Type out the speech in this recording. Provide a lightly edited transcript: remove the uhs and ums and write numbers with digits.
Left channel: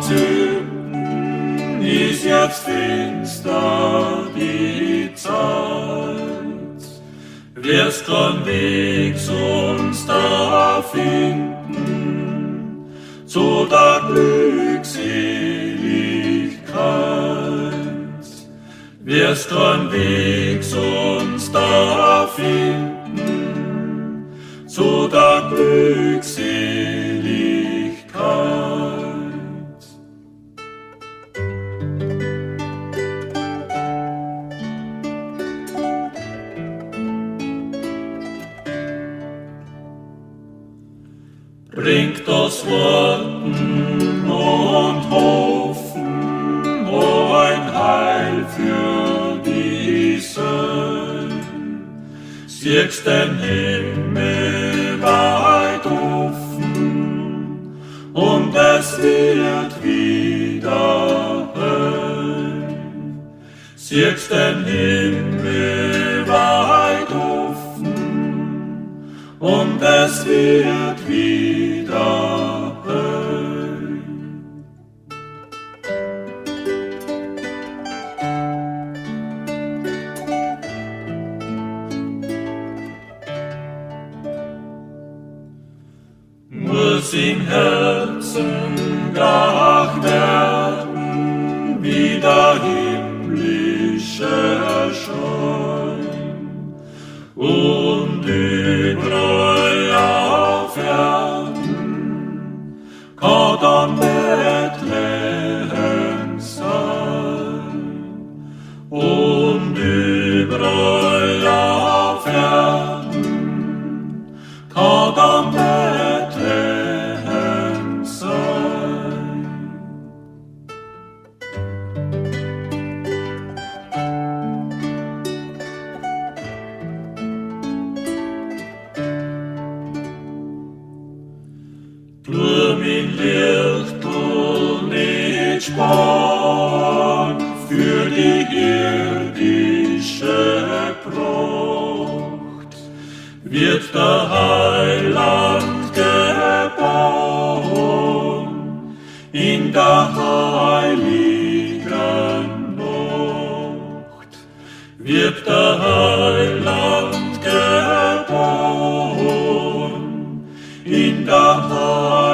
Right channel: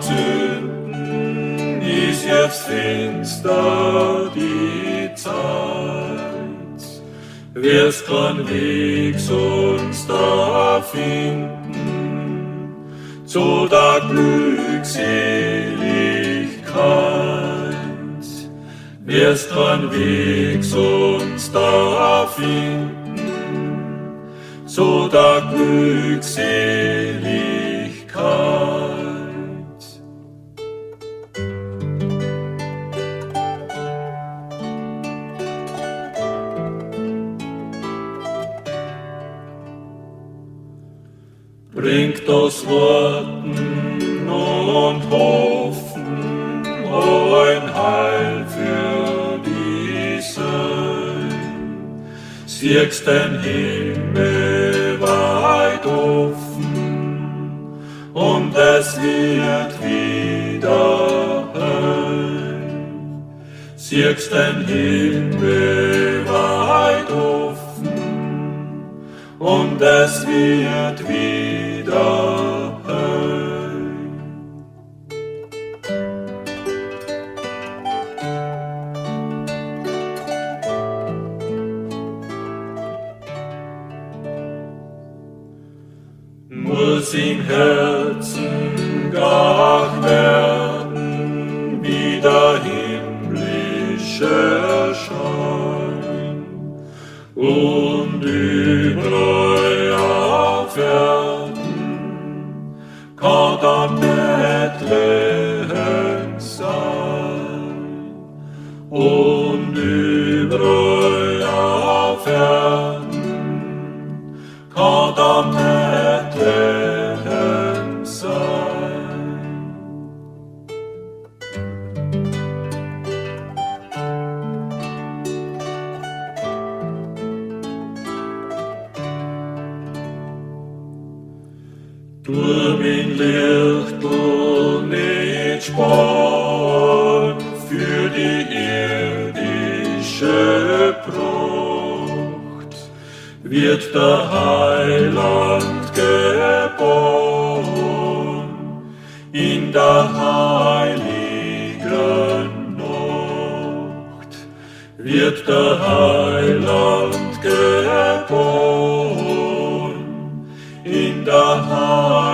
Sünden ist jetzt finster die Zeit. Wirst kein Weg uns da finden zu der Glückseligkeit. Wirst kein Weg uns da finden zu der Glückseligkeit. Bringt das Warten und Hoffen ein Heil für die Seele. Siehst den Himmel weit offen und es wird wieder hell. Siehst den Himmel weit offen und es wird wieder hell. Muss im Herzen gar werden, wie der himmlische Schein, und überall auf Erden kann dann Bethlehem sein, und überall auf Erden kann dann Bethlehem sein. Tu mein Lichtel nicht sparen für die irdische Pracht, wird der Heiland geboren in der heiligen Nacht, wird der Heiland geboren in der heiligen